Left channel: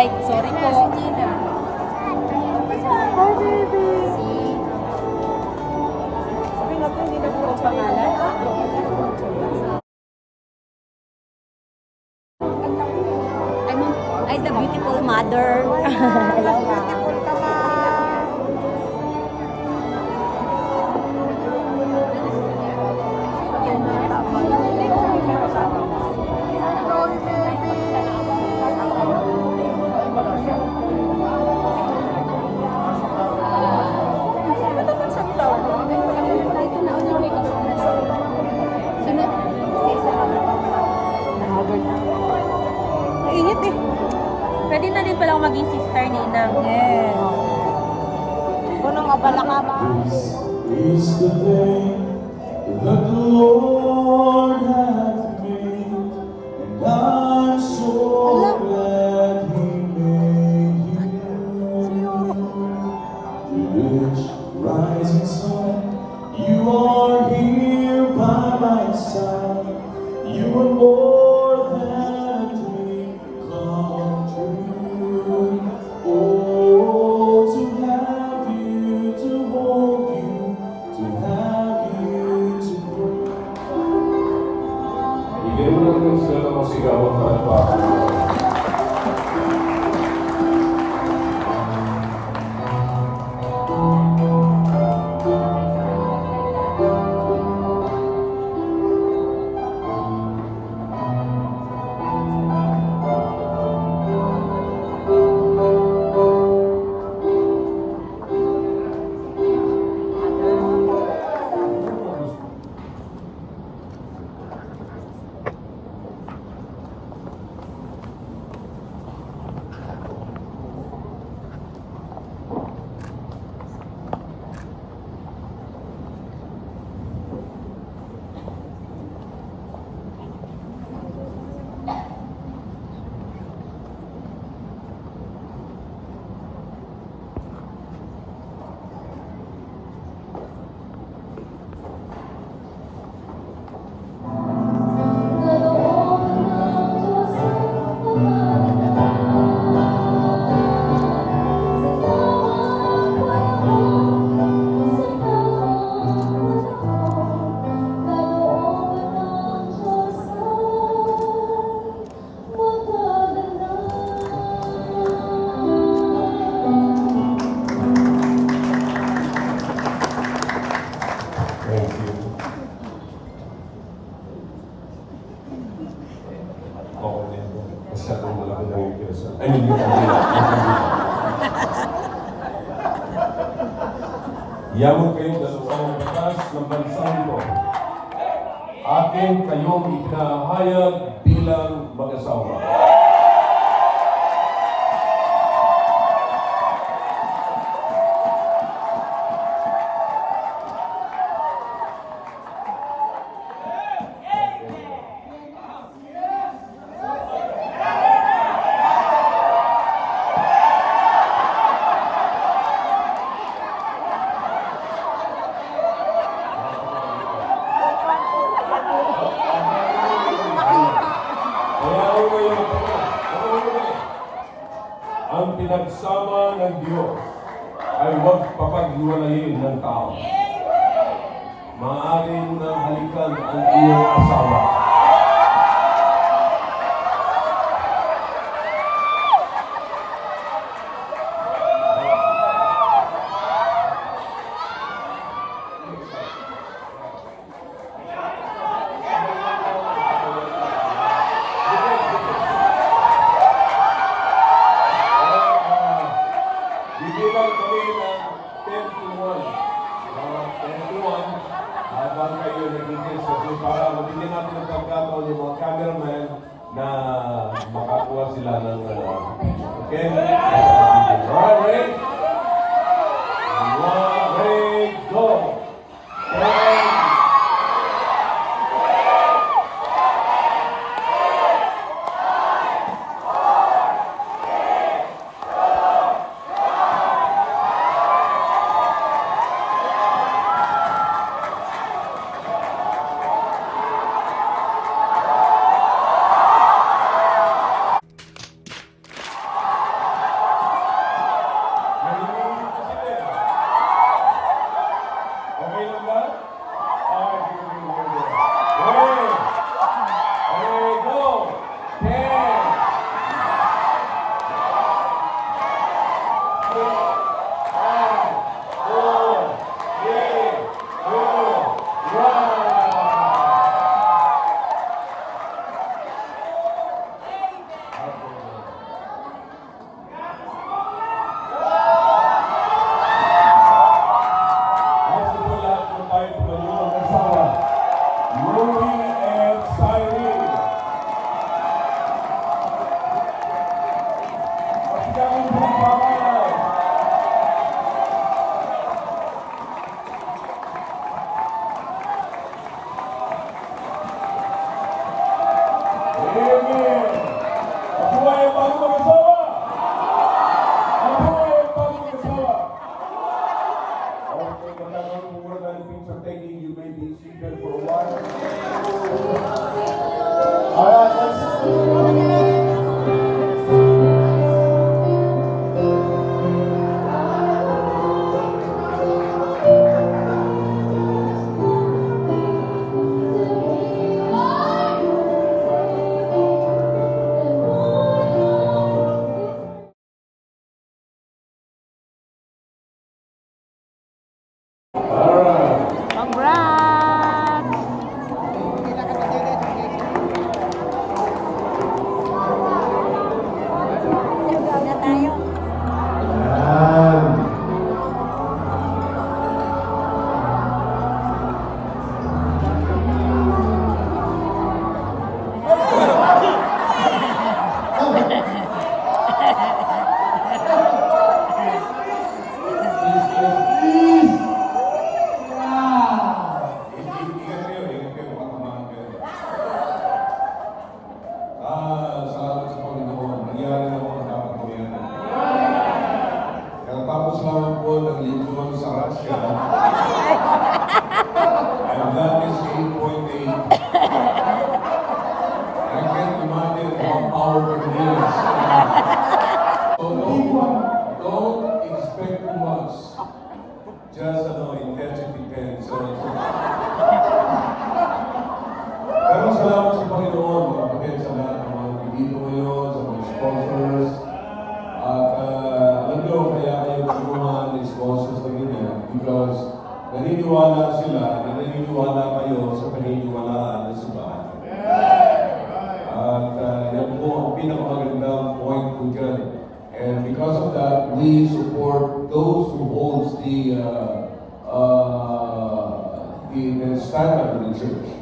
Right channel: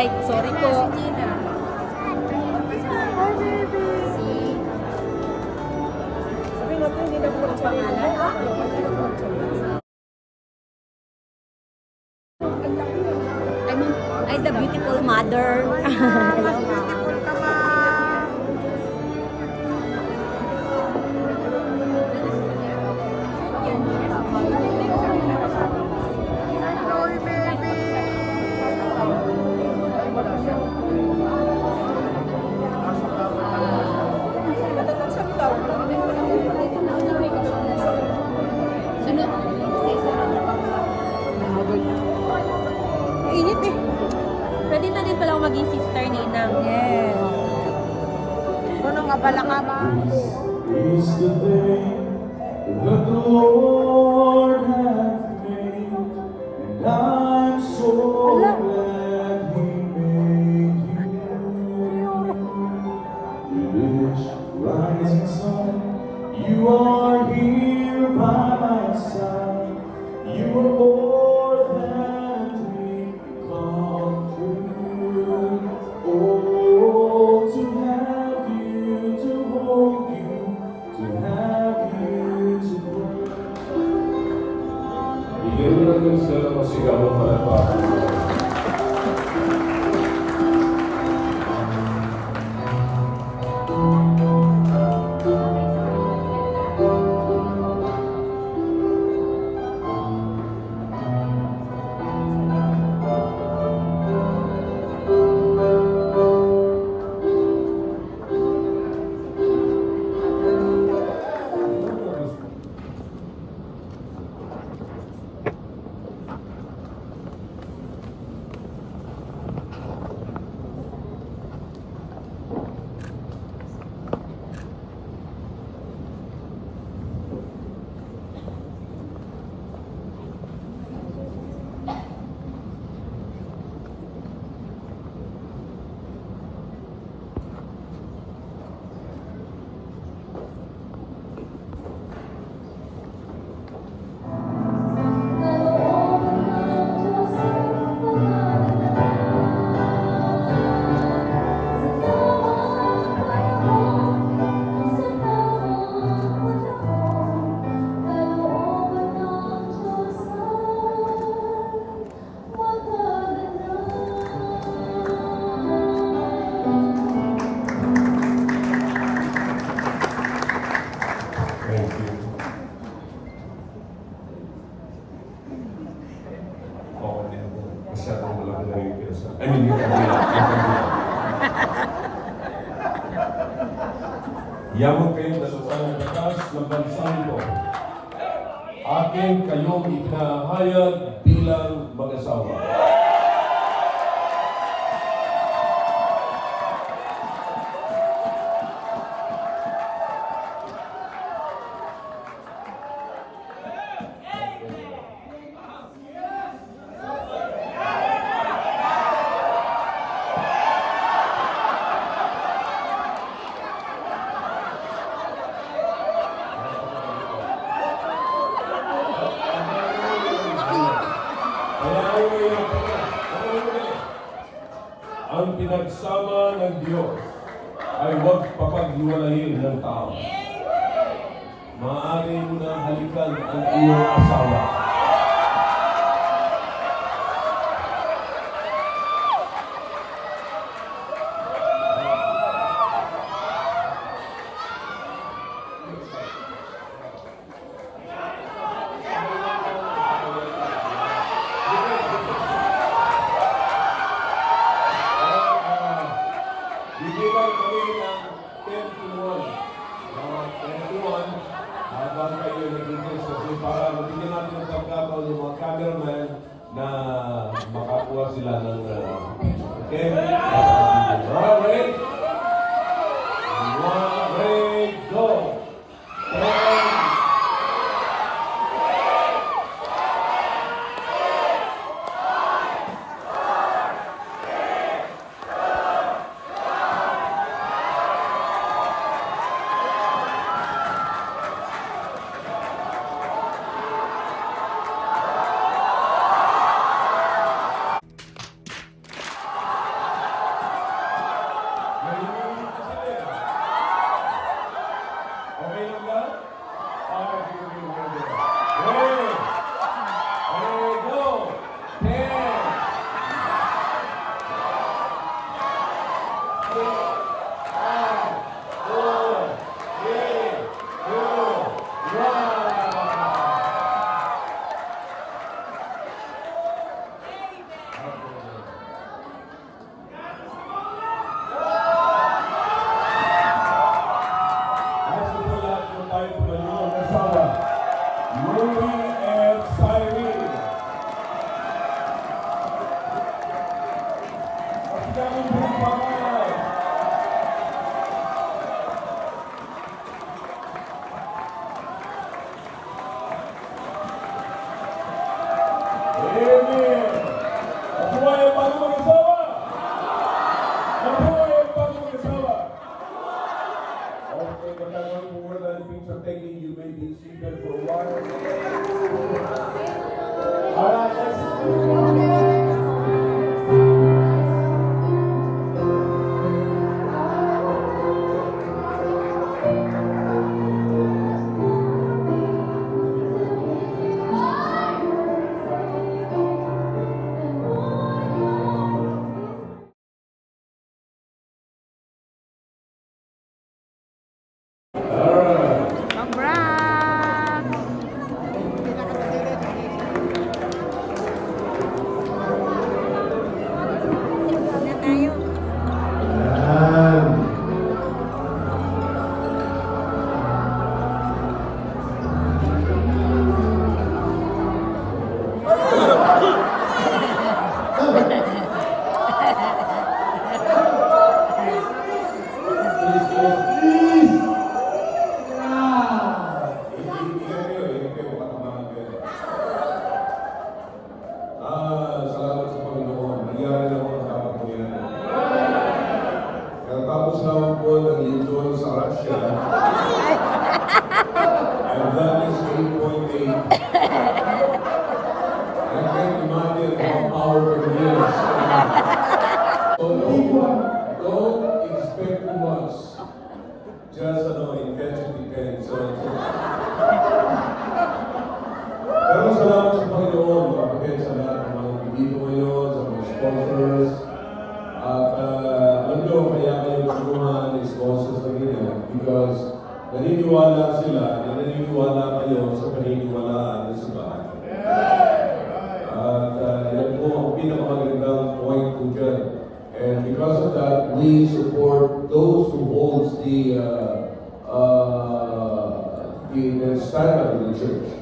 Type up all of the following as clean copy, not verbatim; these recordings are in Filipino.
Ay, sorry po. Si Gina. Hi, baby. Sabi nga po, hindi na po ang pangalan. Ay, the beautiful mother. Hello, ma'am. Init eh. Pwede na din pala ako maging sister ni Inang. Yes. Punong abala ka ba? This is the day that the Lord hath made, and I'm so glad He made you. The rich rising sun, you are here by my side. You are more than a dream come true. Oh, to have you, to hold you, to have you to pray. Bigyan mo lang sila ng masigawan para pa. Thank you. Oo, masyadong malaki na yung pyesa. I mean, yung kabila. Yaman kayong dalawang batas ng bansang ito. Akin kayong ipinahayag bilang mag-asawa. Ang pinagsama ng Diyos ay huwag papaghiwalayin ng tao. Maaaring na halikan ang iyong asawa. Bibilang kami ng 10 to 1. 10 to 1. Habang kayo nag-intend sa para mabigyan natin ng pagkataon ng mga cameraman na makakuha sila ng okay? Alright, ready? Ready, go! 10, So don't expect too much. Just intensity 10. Pero salamat sa Panginoon, mga kapatid, sa lahat ng mga ibigito ngayon, sa mga sponsors. At alam nyo, kaya kayo tulungan ng sponsors na ganyan because naniniwala sila, naniniwala kayo sa paniniwalaan ng simbahan. At yan po ang pinakamagandang point ko dyan. And because of that, we support those who holds the standard of the church.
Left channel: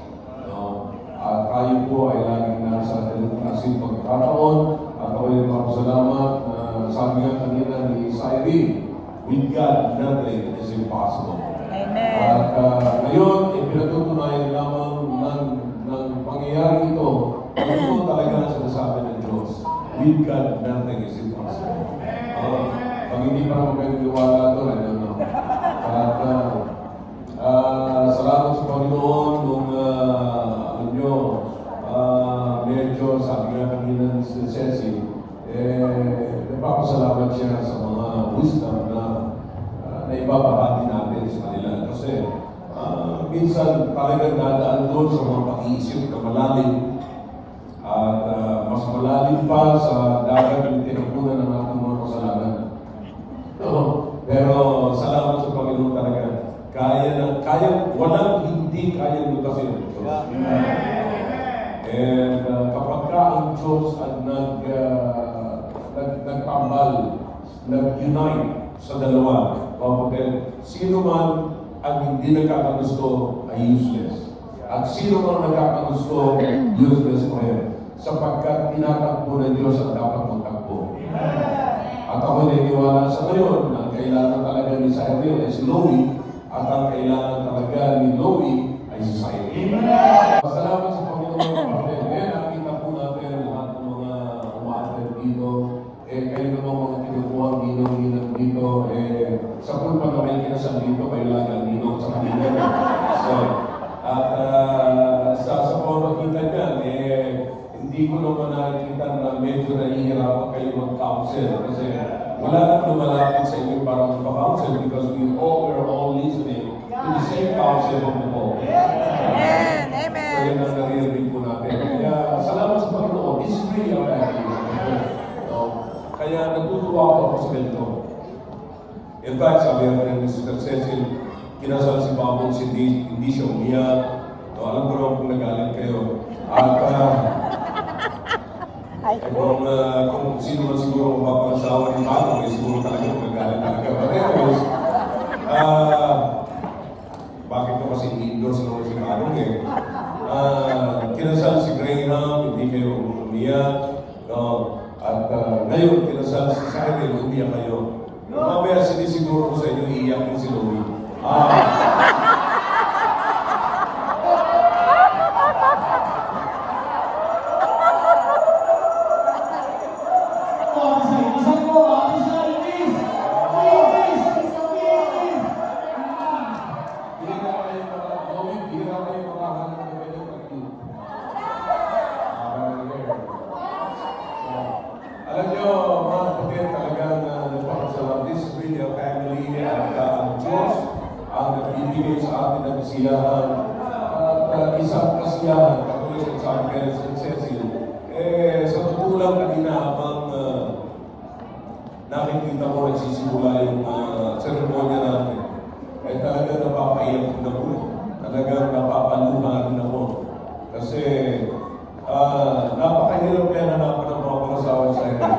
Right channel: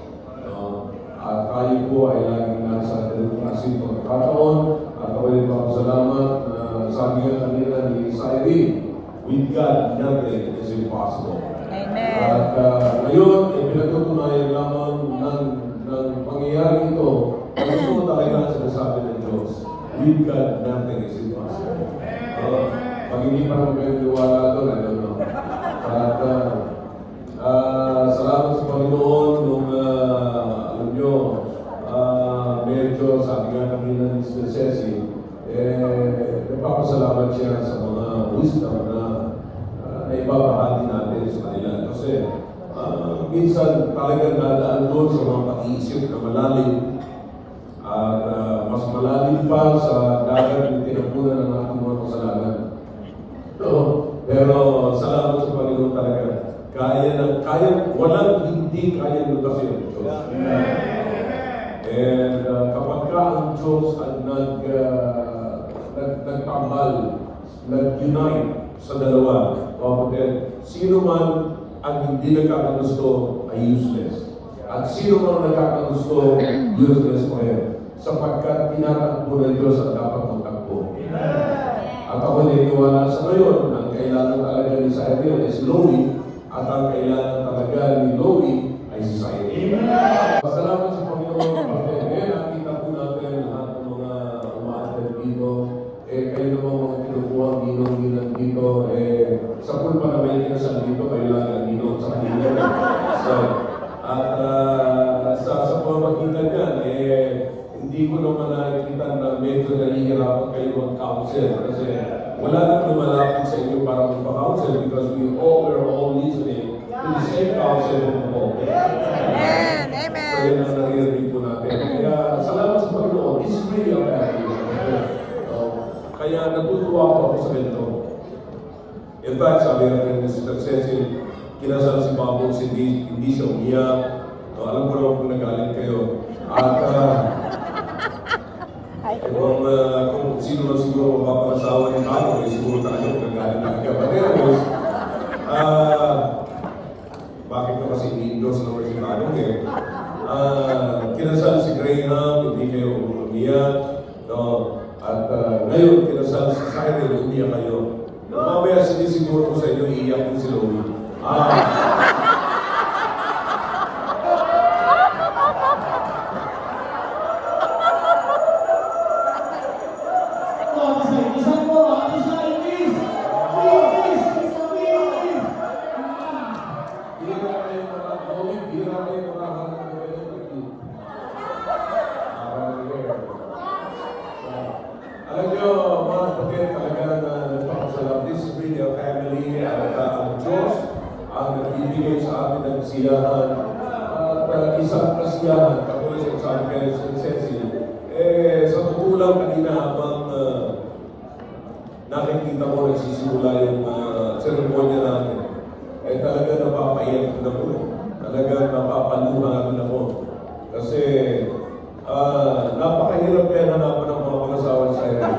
At tayo po ay laging nasa kasi pagkakataon at ako ay salamat na sabi nga kanina ni Cyrene, with God, nothing is impossible. Amen. At ngayon, pinatutunayan lamang ng pangyayari ito, ito talaga ang sinasabi ng Diyos. With God, nothing is impossible. Pag hindi pa naman kayo niwala doon, I don't know. At salamat sa Panginoon nung alam nyo, medyo sabi nga kanina ni Mr. Ceci, nagpapasalamat siya sa mga wisdom na naibabahagi natin sa kanila. Kasi minsan talagang nadaan doon sa mga pag-iisip na malalim at mas malalim pa sa dagat ng tinapunan ng ating mga kasalanan. Pero salamat sa Panginoon talaga. Walang hindi kaya lutasin ng Diyos. And kapag ka ang Diyos ang nagtambal, nag-unite sa dalawa, kapatid, sino man ang hindi nagkakagusto ay useless. At sino man nagkakagusto, useless pa rin. Sapagkat tinatakbo ng Diyos ang dapat magtakbo. At ako niniwala sa ngayon, ang kailangan talaga ni Cyril ay si Louie, at ang kailangan talaga ni Louie ay si Cyril. Salamat sa Panginoon, kapatid. Nakita po natin lahat ng mga umaattend dito. Kayo naman mga kinukuha, ginong-ginang dito. Sa pulpa na may kinasal dito, kailangan ginong sa kanila. At sa pamamagitan yan, hindi ko naman nakikita na medyo nahihirapan kayo mag-counsel kasi wala nang lumalapit sa inyo para magpa-counsel because we're all listening to the same counsel of the Pope. So yun ang naririnig po natin. Kaya salamat sa Panginoon. This is really a family. Kaya natutuwa ko ako sa ganito. In fact, sabi rin ni Sister Cecil, kinasal si Babong hindi siya umiyak. Alam ko naman kung nagalit kayo. At kung sino man siguro mapapangasawa ni Babong, siguro talaga magagalit talaga. But anyways, bakit na kasi i-endorse naman si Babong kinasal si Graham, hindi kayo umiyak. At ngayon, kinasal si Cyril, umiyak kayo. Mamaya sinisiguro ko sa inyo, iiyak din si Louie. Alam niyo, mga kapatid, talaga na nagpapasalamat. This is really a family at ang Diyos ang nagbibigay sa atin ng kasiyahan. At isang kasiyahan, katulad sa sabi kayo sa Cecil, sa totoo lang kanina habang nakikita mo nagsisimula yung seremonya natin, talaga napapaiyak na po. Talaga napapaluha rin ako. Kasi napakahirap kaya hanapan ng mga pangasawa sa area.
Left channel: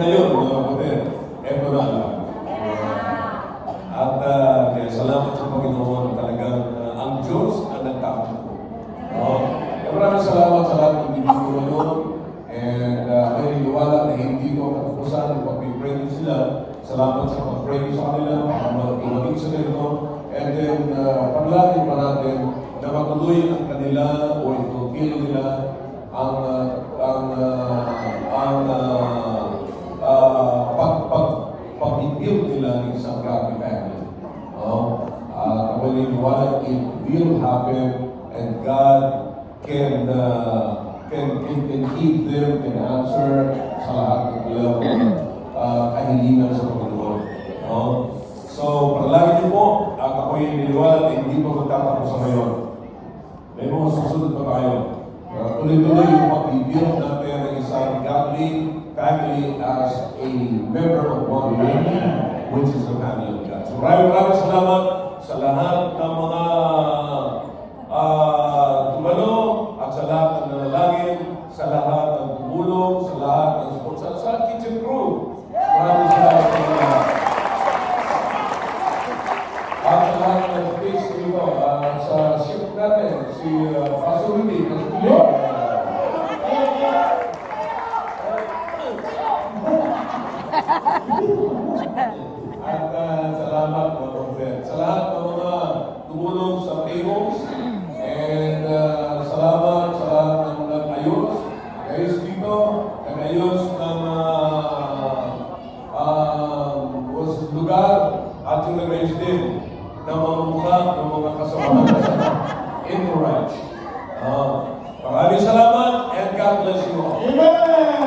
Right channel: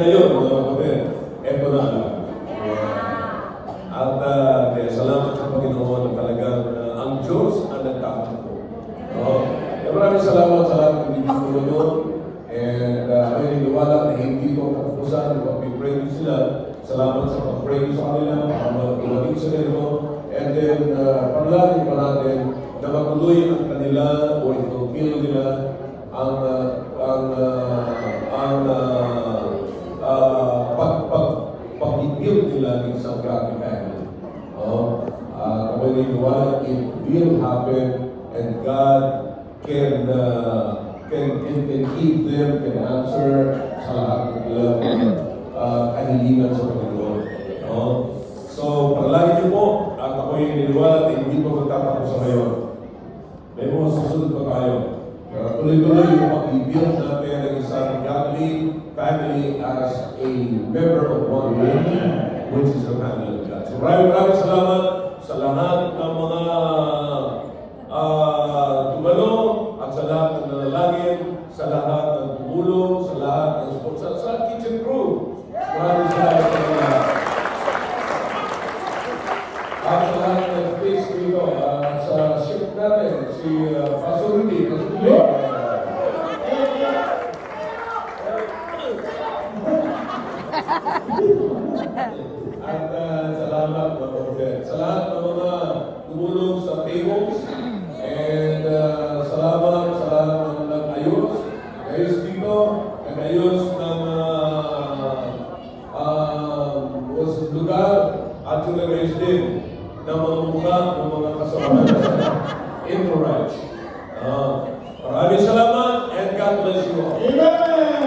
Ngayon, mga kapatid, eto na lang. At kaya salamat sa Panginoon na talagang ang Diyos ang nagtatakbo. Maraming salamat sa lahat ng video ngayon. And naniniwala na hindi ko katapusan, pag-pray sila. Salamat sa pag-pray sa kanila, pag-iwagin sa kanila. And then, pangalangin pa natin na matuloy ang kanila o i-fulfill nila ang pag-build nila ng isang happy family. naniniwala it will happen and God can keep them, can answer sa lahat ng ilang kahilingan sa Panginoon. No? So, palagi niyo po, at ako'y naniniwala at hindi pa magtatapos sa ngayon. May mga susunod pa tayo. Tuloy-tuloy yung pag-build natin ng isang godly family as a member of one family, which is the family of God. So maraming salamat sa lahat ng mga tumalo at sa lahat ng nanalangin, sa lahat ng tumulong, sa lahat ng sponsor, sa kitchen crew. Maraming salamat sa lahat. At sa lahat ng space dito, sa ship natin, si Pasurity, at salamat mga Prophet. Sa lahat ng mga tumulong sa tables, and salamat sa lahat ng nag-ayos. Ayos dito, nag-ayos ng lugar at yung nag-ayos din ng mga mukha ng mga kasamahan sa Encourage. Maraming salamat and God bless you all. Amen!